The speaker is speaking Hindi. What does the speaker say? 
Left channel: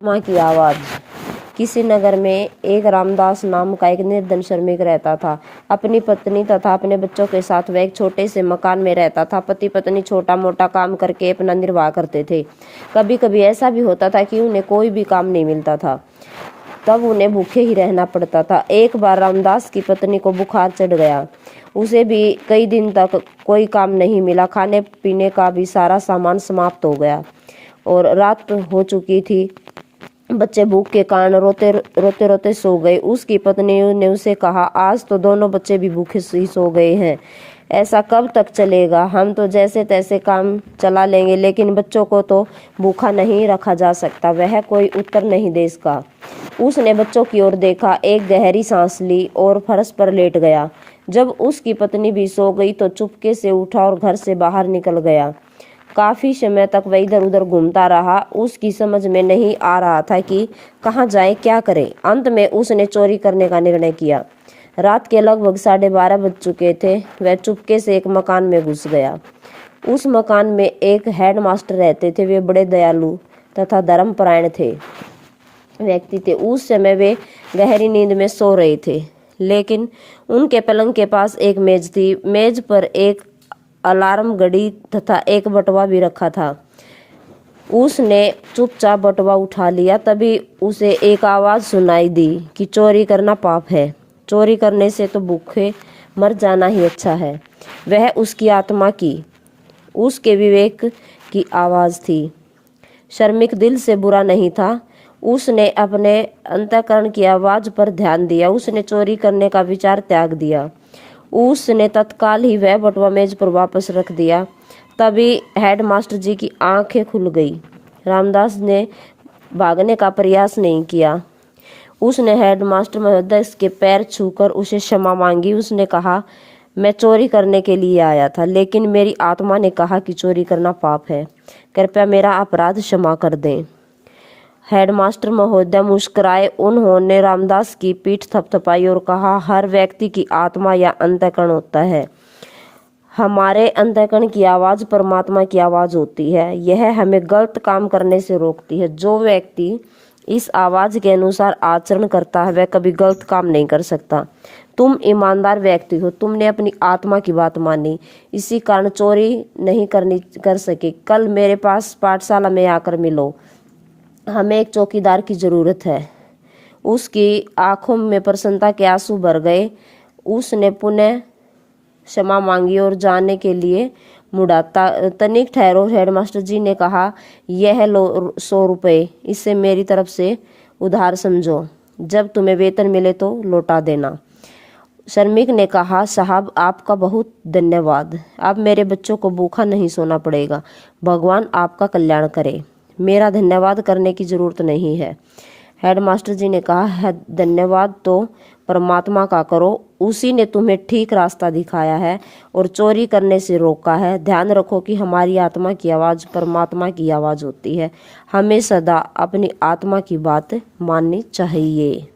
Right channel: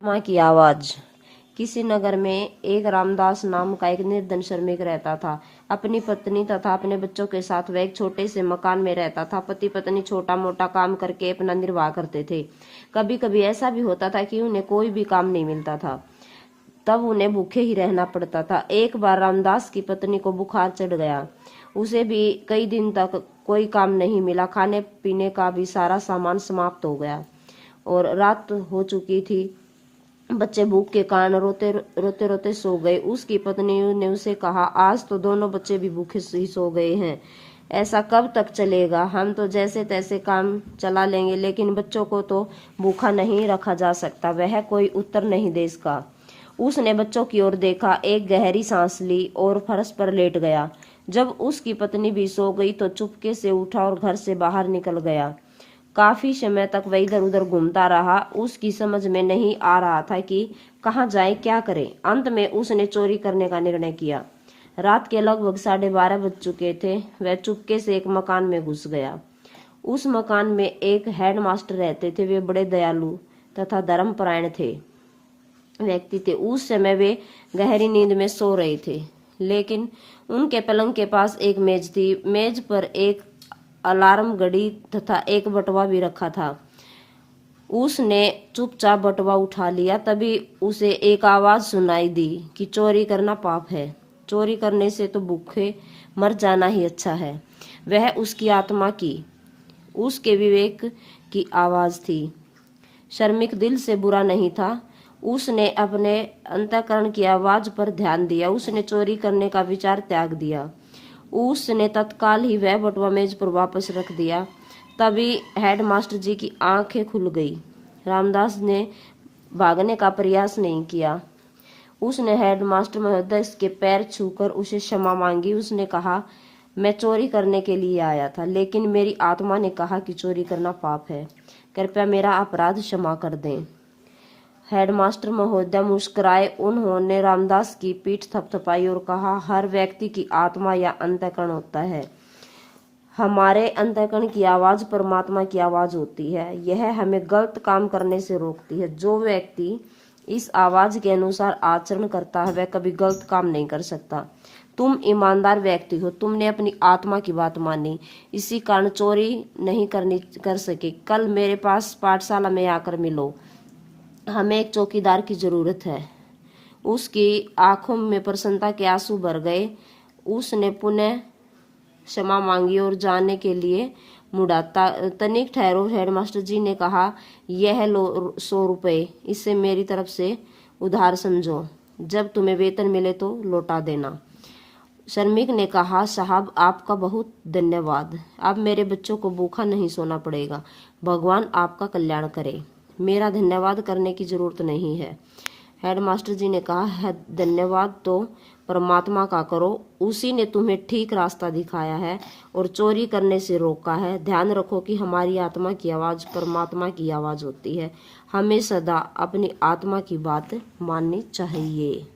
माँ की आवाज। किसी नगर में एक रामदास नाम का एक निर्धन श्रमिक रहता था। अपनी पत्नी तथा अपने बच्चों के साथ वह एक छोटे से मकान में रहता था। पति पत्नी छोटा मोटा काम करके अपना निर्वाह करते थे। कभी कभी ऐसा भी होता था कि उन्हें कोई भी काम नहीं मिलता था, तब उन्हें भूखे ही रहना पड़ता था। एक बार रामदास की पत्नी को बुखार चढ़ गया। उसे भी कई दिन तक कोई काम नहीं मिला। खाने पीने का भी सारा सामान समाप्त हो गया और रात हो चुकी थी। बच्चे भूख के कारण रोते रोते सो गए। उसकी पत्नी ने उसे कहा, आज तो दोनों बच्चे भी भूखे ही सो गए हैं। ऐसा कब तक चलेगा? हम तो जैसे तैसे काम चला लेंगे, लेकिन बच्चों को तो भूखा नहीं रखा जा सकता। वह कोई उत्तर नहीं दे सका। उसने बच्चों की ओर देखा, एक गहरी सांस ली और फर्श पर लेट गया। जब उसकी पत्नी भी सो गई तो चुपके से उठा और घर से बाहर निकल गया। काफी समय तक वह इधर उधर घूमता रहा। उसकी समझ में नहीं आ रहा था कि कहाँ जाए, क्या करे। अंत में उसने चोरी करने का निर्णय किया। रात के लगभग 12:30 बज चुके थे। वह चुपके से एक मकान में घुस गया। उस मकान में एक हेडमास्टर रहते थे। वे बड़े दयालु तथा धर्मपरायण थे व्यक्ति थे। उस समय वे गहरी नींद में सो रहे थे, लेकिन उनके पलंग के पास एक मेज थी। मेज पर एक अलार्म घड़ी तथा एक बटुआ भी रखा था। उसने चुपचाप बटुआ उठा लिया। तभी उसे एक आवाज सुनाई दी कि चोरी करना पाप है। चोरी करने से तो भूखे मर जाना ही अच्छा है। वह उसकी आत्मा की, उसके विवेक की आवाज थी। श्रमिक दिल से बुरा नहीं था। उसने अपने अंतःकरण की आवाज पर ध्यान दिया। उसने चोरी करने का विचार त्याग दिया। उसने तत्काल ही वह बटुआ मेज पर वापस रख दिया। तभी हेडमास्टर जी की आंखें खुल गई। रामदास ने भागने का प्रयास नहीं किया। उसने हेडमास्टर महोदय के पैर छूकर उसे क्षमा मांगी। उसने कहा, मैं चोरी करने के लिए आया था, लेकिन मेरी आत्मा ने कहा कि चोरी करना पाप है। कृपया मेरा अपराध क्षमा कर दें। हेडमास्टर महोदय मुस्कुराए। उन्होंने रामदास की पीठ थपथपाई और कहा, हर व्यक्ति की आत्मा या अंतःकरण होता है। हमारे अंतःकरण की आवाज परमात्मा की आवाज होती है। यह हमें गलत काम करने से रोकती है। जो व्यक्ति इस आवाज के अनुसार आचरण करता है, वह कभी गलत काम नहीं कर सकता। तुम ईमानदार व्यक्ति हो। तुमने अपनी आत्मा की बात मानी, इसी कारण चोरी नहीं कर सके। कल मेरे पास पाठशाला में आकर मिलो। हमें एक चौकीदार की जरूरत है। उसकी आंखों में प्रसन्नता के आंसू भर गए। उसने पुनः क्षमा मांगी और जाने के लिए मुड़ा। तनिक ठहरो, हेडमास्टर जी ने कहा, यह लो 100 रुपये, इसे मेरी तरफ से उधार समझो। जब तुम्हें वेतन मिले तो लौटा देना। श्रमिक ने कहा, साहब आपका बहुत धन्यवाद। अब मेरे बच्चों को भूखा नहीं सोना पड़ेगा। भगवान आपका कल्याण करे। मेरा धन्यवाद करने की जरूरत नहीं है। हेडमास्टर जी ने कहा, है धन्यवाद तो परमात्मा का करो। उसी ने तुम्हें ठीक रास्ता दिखाया है और चोरी करने से रोका है। ध्यान रखो कि हमारी आत्मा की आवाज परमात्मा की आवाज होती है। हमें सदा अपनी आत्मा की बात माननी चाहिए।